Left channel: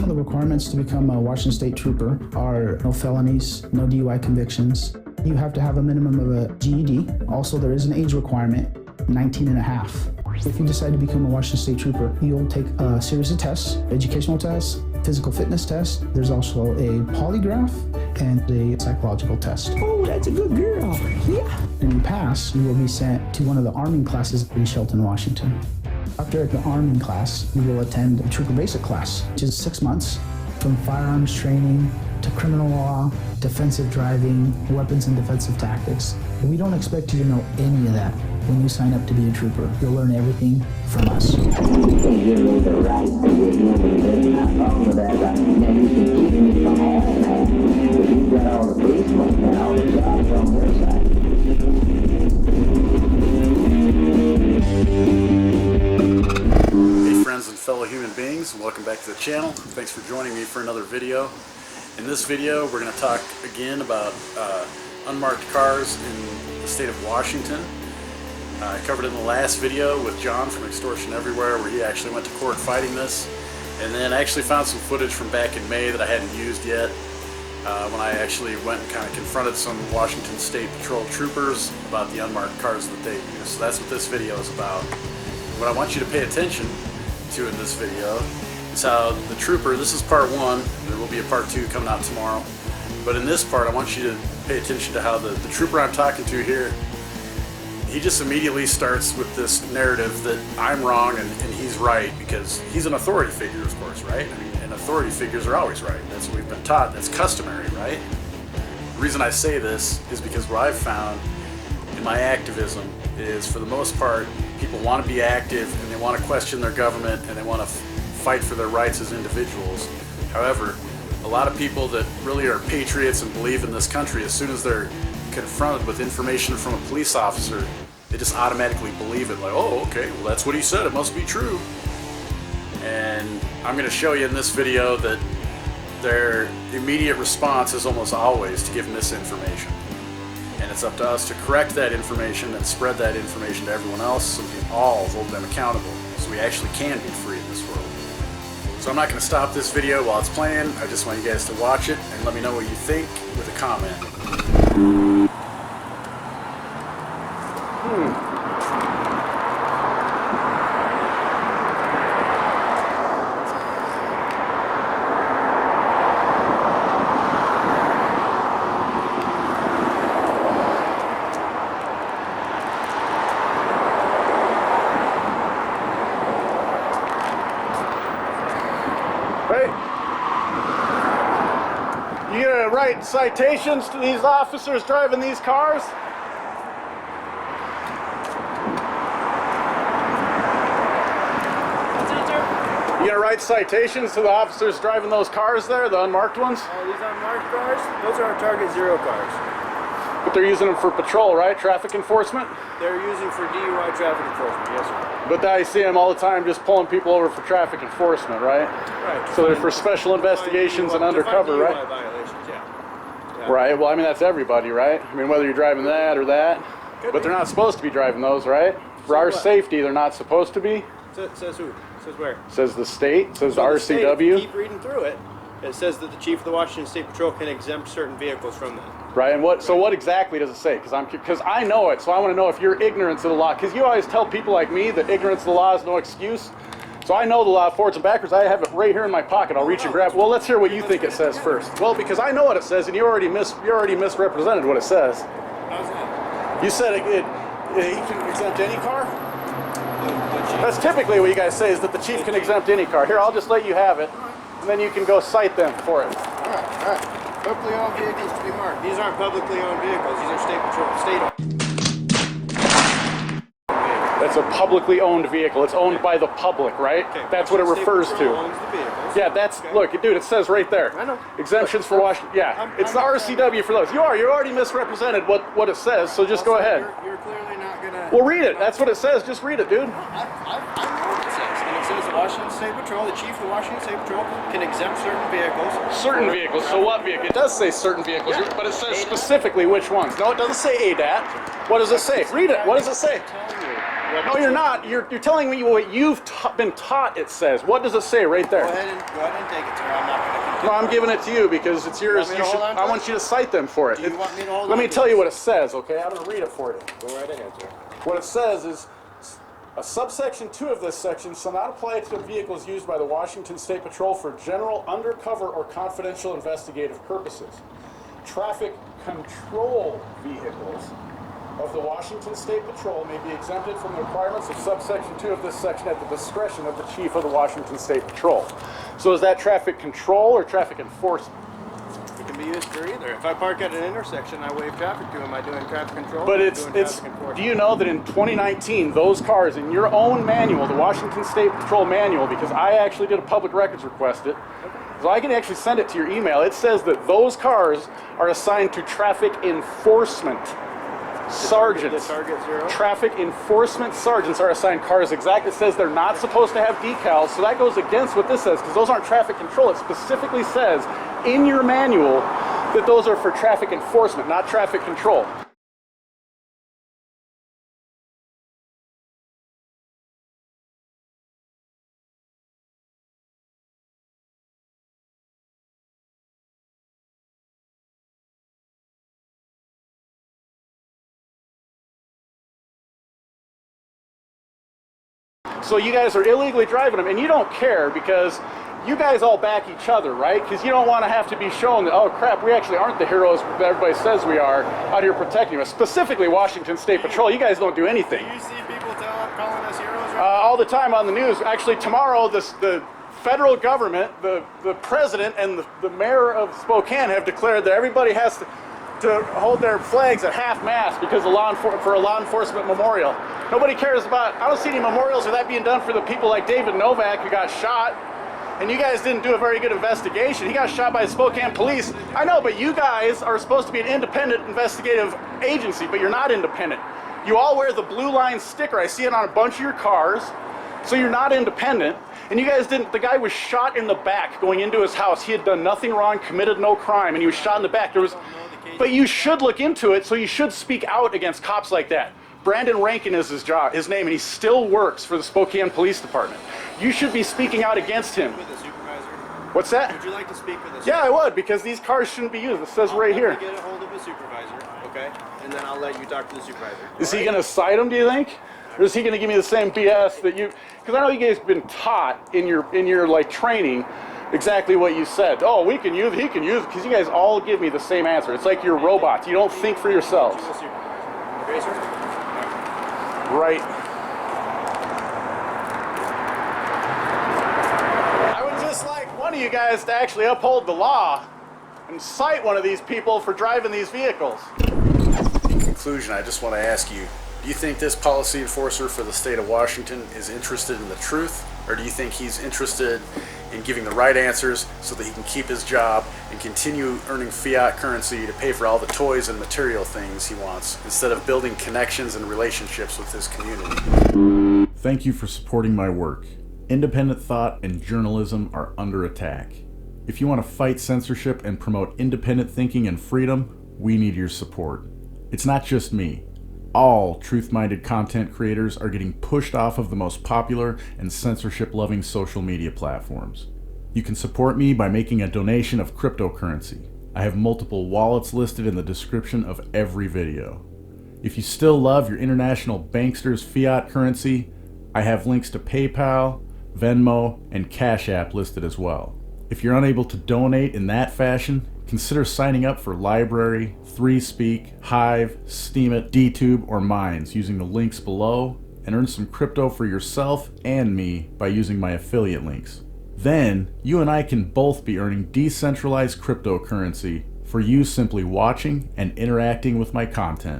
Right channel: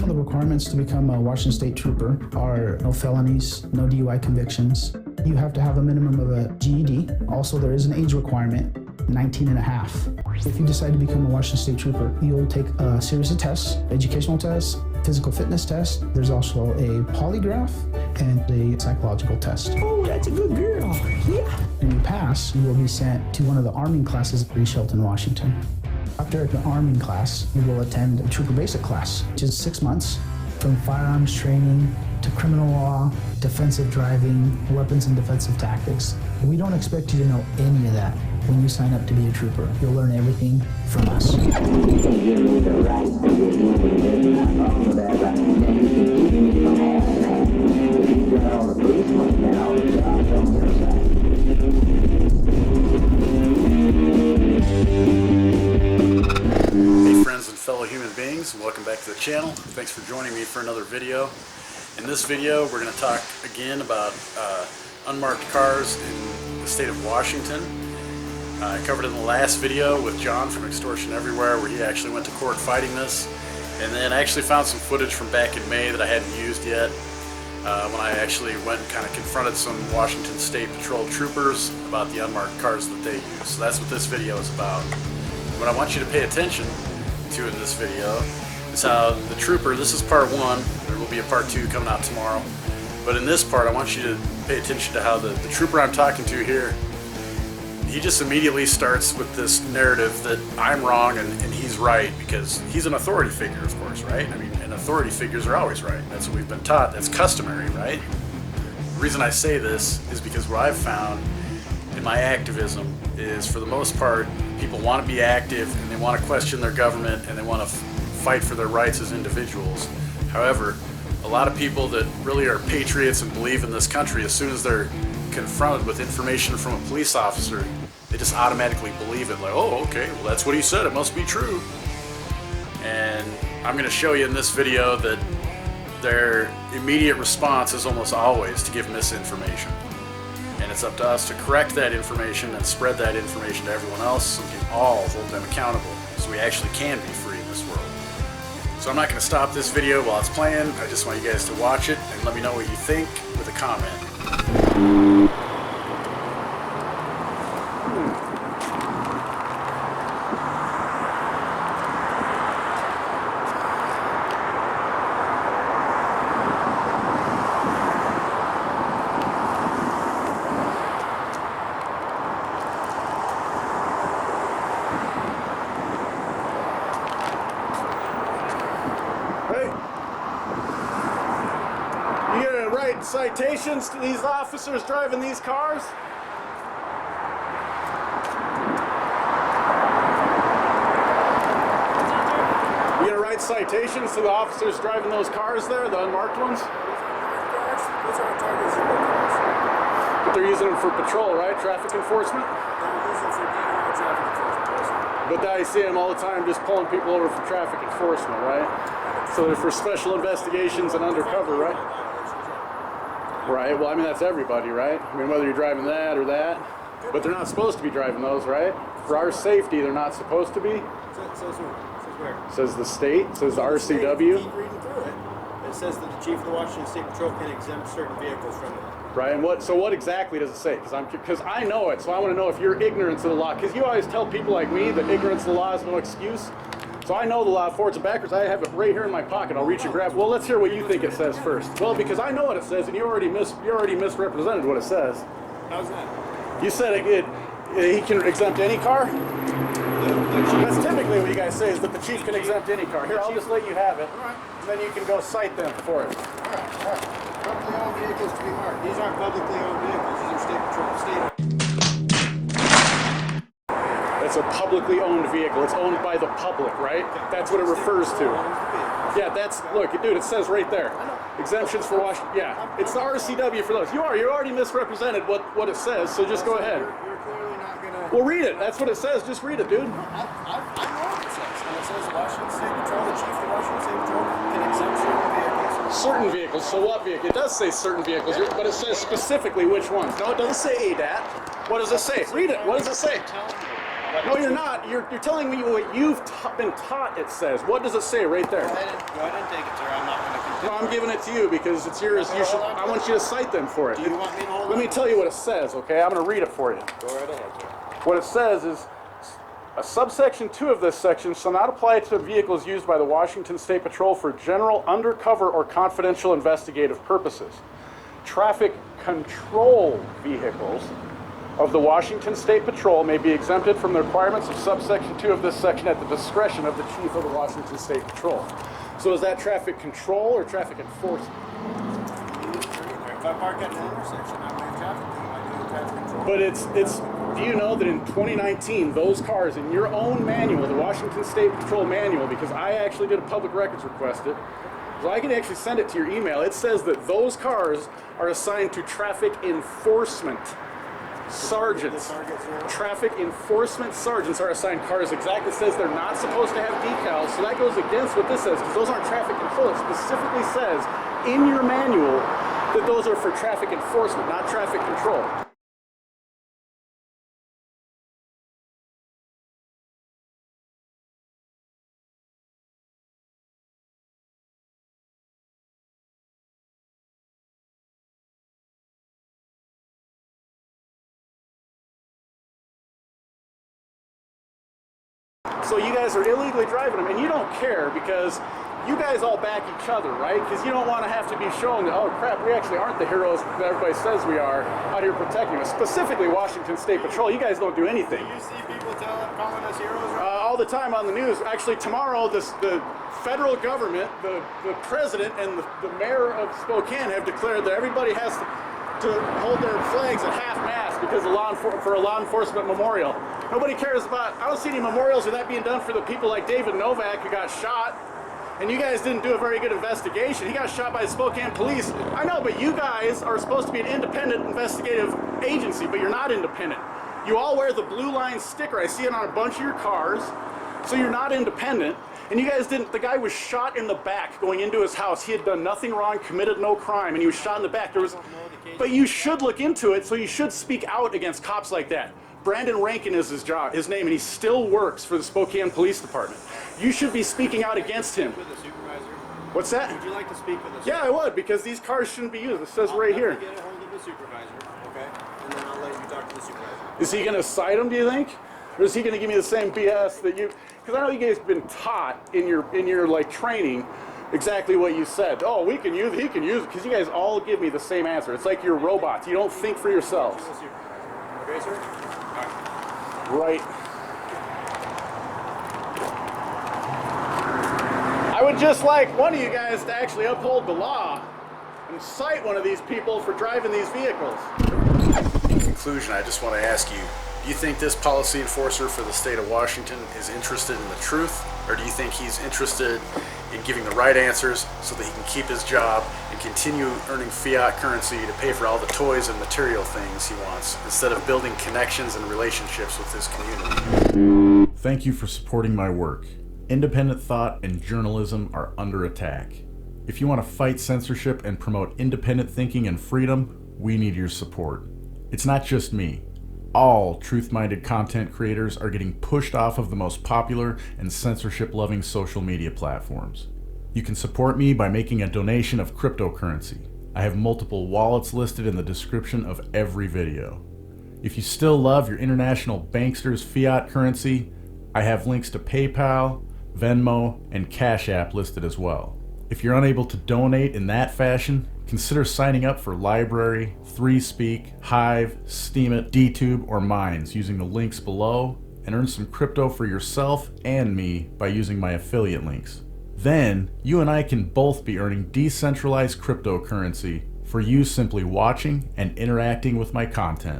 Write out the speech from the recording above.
Some of the requirements to become a Washington State Trooper are no felonies, no DUI convictions. You have to have a minimum of a GED. Also, there is an age requirement, 19 and a half. If you decide to become a Washington State Trooper, you'll take a series of tests, educational tests, physical fitness test. There's also a polygraph and a psychological test. Oh, that's a good girl. Yeah. When you pass, you will be sent to one of the arming classes in Shelton, Washington. After the arming class, you will attend a Trooper Basic class, which is 6 months, from firearms training to criminal law, defensive driving, weapons and defensive tactics. We don't expect you to know any of that when you sign up to be a trooper. You'll learn everything from us. You can't give me the right to be a human being. I'm on with that right. Now you can keep me from having that if you've got all the policemen and all the jobs on your side. Hey friends and fellow human beings, welcome back to the channel. Thanks for joining me for another video. In this video we're going to talk again about unmarked cars in the state of Washington. I covered it in the last video with John from Extortion Everywhere, where he actually went to court fighting this, and then I actually found some footage from back in May that I hadn't used yet, when I actually went and kind of confronted some Washington State Patrol troopers about the unmarked cars that they use. So that's what this video is about. What I want you to pay attention to in this video is how the trooper, this is part one, there will be a part two coming out tomorrow, but in this part I want you to pay attention to how the trooper I'm talking to here, he just immediately starts with this narrative that I'm wrong and he's right, because he's an authority figure, of course, right? I mean, and authority figures are always right. That's what we've been taught. That's customary, right? The reason I say this is because what I've found in my activism is, for the most part, people want to be active and they want to question their government and they want to fight for their rights as individuals. However, a lot of people that really are patriots and believe in this country, as soon as they're confronted with information from a police officer, they just automatically believe it, like, oh, okay, well that's what he said, it must be true. And I'm going to show you in this video that their immediate response is almost always to give misinformation. And it's up to us to correct that information and spread that information to everyone else so we can all hold them accountable, so we actually can be free in this world. So I'm not going to stop this video while it's playing. I just want you guys to watch it and let me know what you think with a comment. Hey, you gonna write citations to these officers driving these cars? What's that, sir? You gonna write citations to the officers driving those cars there, the unmarked ones? Oh, these unmarked cars? Those are our target zero cars. But they're using them for patrol, right? Traffic enforcement? They're using for DUI traffic enforcement, yes, sir. But I see them all the time just pulling people over for traffic enforcement, right? Right. So they're for special investigations and undercover, right? Violations, yeah. Right, well, I mean, that's everybody, right? I mean, whether you're driving that or that. But they're not supposed to be driving those, right? For our safety, they're not supposed to be. Says who? Says where? Says the state, says the So the state, if RCW. you keep reading through it, it says that the chief of the Washington State Patrol can exempt certain vehicles from that. Right, and what exactly does it say? Because I know it, so I want to know if you're ignorant to the law. Because you always tell people like me that ignorance of the law is no excuse. So I know the law forwards and backwards. I have it right here in my pocket. I'll reach and grab. Well, let's hear what you think it says first. Well, because I know what it says, and you already misrepresented what it says. How's that? You said he can exempt any car. That's typically what you guys say, is that the chief can exempt any car. Here, I'll just let you have it, and then you can go cite them for it. All right. Publicly owned vehicles to be marked. These aren't publicly owned vehicles. These are state patrol, state-owned. That's a publicly owned vehicle. It's owned by the public, right? Okay. That's what it refers to. Owns the vehicles. Yeah, that's, look, dude, it says right there. I know. Exemptions for Washington. Yeah, it's the RCW for those. You already misrepresented what it says, so just go ahead. You're clearly not gonna. Well, read it. That's what it says. Just read it, dude. No, I know what it says, and it says the Washington State Patrol, the chief of the Washington State Patrol, can exempt certain vehicles. Certain vehicles. So what vehicle? It does say certain vehicles, but it says specifically which ones. No, it doesn't say ADAT. What does it say? Read it. What does it say? I'm telling you. No, you're not. You're telling me what you've been taught it says. What does it say right there? Go ahead and take it, sir. I'm not going to continue. No, I'm giving it to you because it's yours. You should. I want you to cite them for it. Do you want me to hold on? Let me tell you what it says, okay? I'm going to read it for you. Go right ahead, sir. What it says is, a subsection 2 of this section shall not apply to vehicles used by the Washington State Patrol for general, undercover, or confidential investigative purposes. Traffic control vehicles of the Washington State Patrol may be exempted from the requirements of subsection 2 of this section at the discretion of the Chief of the Washington State Patrol. So is that traffic control or traffic enforcement? It can be used for either. If I park at an intersection, I wave traffic to him. I doing traffic control. But do you know that in 2019, those cars in your own manual, the Washington State Patrol manual, because I actually did a public records request so I can actually send it to your email. It says that those cars are assigned to traffic enforcement sergeants. The target zero? Traffic enforcement sergeants are assigned cars exactly. It says they're not supposed to have decals, so that goes against what this says, because those aren't traffic control. It specifically says in your manual that those are for traffic enforcement, not traffic control. So you guys are illegally driving them, and you don't care because you guys all back each other, right? Because you don't want to have to be shown that, oh crap, we actually aren't the heroes that everybody says we are out here protecting us. Specifically Washington State Patrol, you guys don't do anything. Do you see people calling us heroes? Right? All the time on the news. Actually, tomorrow, the federal government, the president, and the mayor of Spokane have declared that everybody has to hold their flags at half-mast because of for a law enforcement memorial. Nobody cares about, I don't see any memorials of that being done for the people like David Novak who got shot. And you guys didn't do a very good investigation. He got shot by the Spokane police. I know, but you guys are supposed to be an independent investigative agency, but you're not independent. You all wear the blue line sticker. I see it on a bunch of your cars. So you're not independent. And you guys didn't, the guy was shot in the back going into his house. He had done nothing wrong, committed no crime, and he was shot in the back. But you should look into it, so you should speak out against cops like that. Brandon Rankin is his name, and he still works for the Spokane Police Department. You should be speaking out against him. With a supervisor? What's that? Would you like to speak with a supervisor? Yeah, I would, because these cars shouldn't be used. It says right here. Let me get a hold of a supervisor, okay? And then I'll let you talk to the supervisor. Is he going to cite him, do you think? Or is he going to give me the same BS that you... Because I know you guys have been taught in your like training exactly what you said. Oh, we can use it, he can use it, because you guys all give me the same answer. It's like you're robots. You don't think for yourselves. Okay, sir? Right. I would just like one of you guys to actually uphold the law and cite one of these people for driving these vehicles. In conclusion, I just want to ask you, do you think this policy enforcer for the state of Washington is interested in the truth, or do you think he's interested in giving the right answers so that he can keep his job and continue earning fiat currency to pay for all the toys and material things he wants, instead of building connections and relationships with his community? Thank you for supporting my work. Independent thought and journalism are under attack. If you want to fight censorship and promote independent thinking and freedom, we need your support. It's not just me. All truth-minded content creators are getting pushed off of the most popular and censorship-loving social media platforms. You can support me by making a donation of cryptocurrency. I have multiple wallets listed in the description of every video. If you still love your international banksters' fiat currency, I have links to PayPal, Venmo, and Cash App listed as well. If you're unable to donate in that fashion, consider signing up for LBRY, 3Speak, Hive, Steemit, DTube, or Minds using the links below, and earn some crypto for yourself and me by using my affiliate links. Then, you and I can both be earning decentralized cryptocurrency for you simply watching and interacting with my content.